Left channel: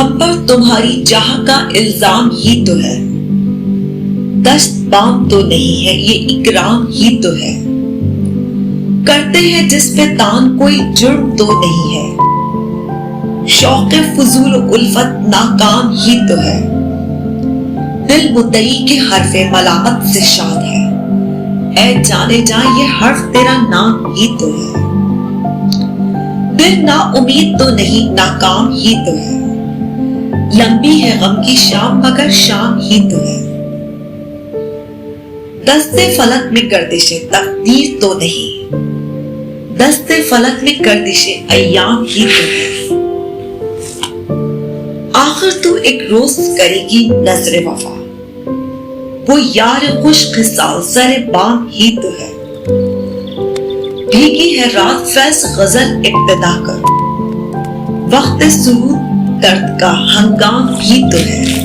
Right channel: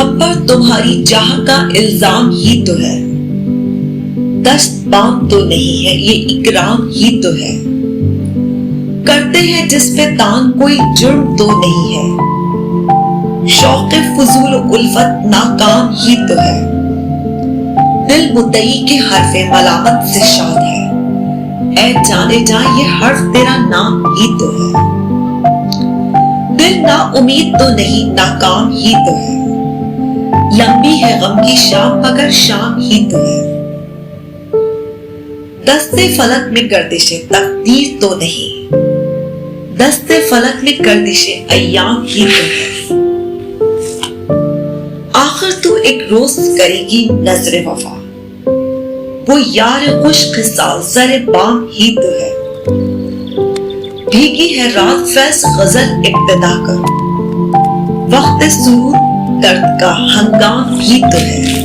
ہم پر تمہاری چاہ کا الزام ہی تو ہے، دست بام تو نہیں ہے، یہ اکرام ہی تو ہے، کرتے ہیں جس پہ تان کوئی جرم تو نہیں ہے، شوق فضول و الفت ناکام ہی تو ہے، دل مدعی کے حرف ملامت سے شاد ہے، اے جانے جا یہ حرف تیرا نام ہی تو ہے، دل نا امید تو نہیں ناکام ہی تو ہے، لمبی ہے غم کی شام مگر شام ہی تو ہے، دست فلک میں گردش تقدیر تو نہیں، دست فلک میں گردش ایام ہی تو ہے، آخر تو ایک روز کرے گی نظر وفا، وہ یار خوش خصال سر بام ہی تو ہے، بھیگی ہے رات فیض غزل ابتدا کرو، وقت سرود درد کا ہنگام ہی تو ہے۔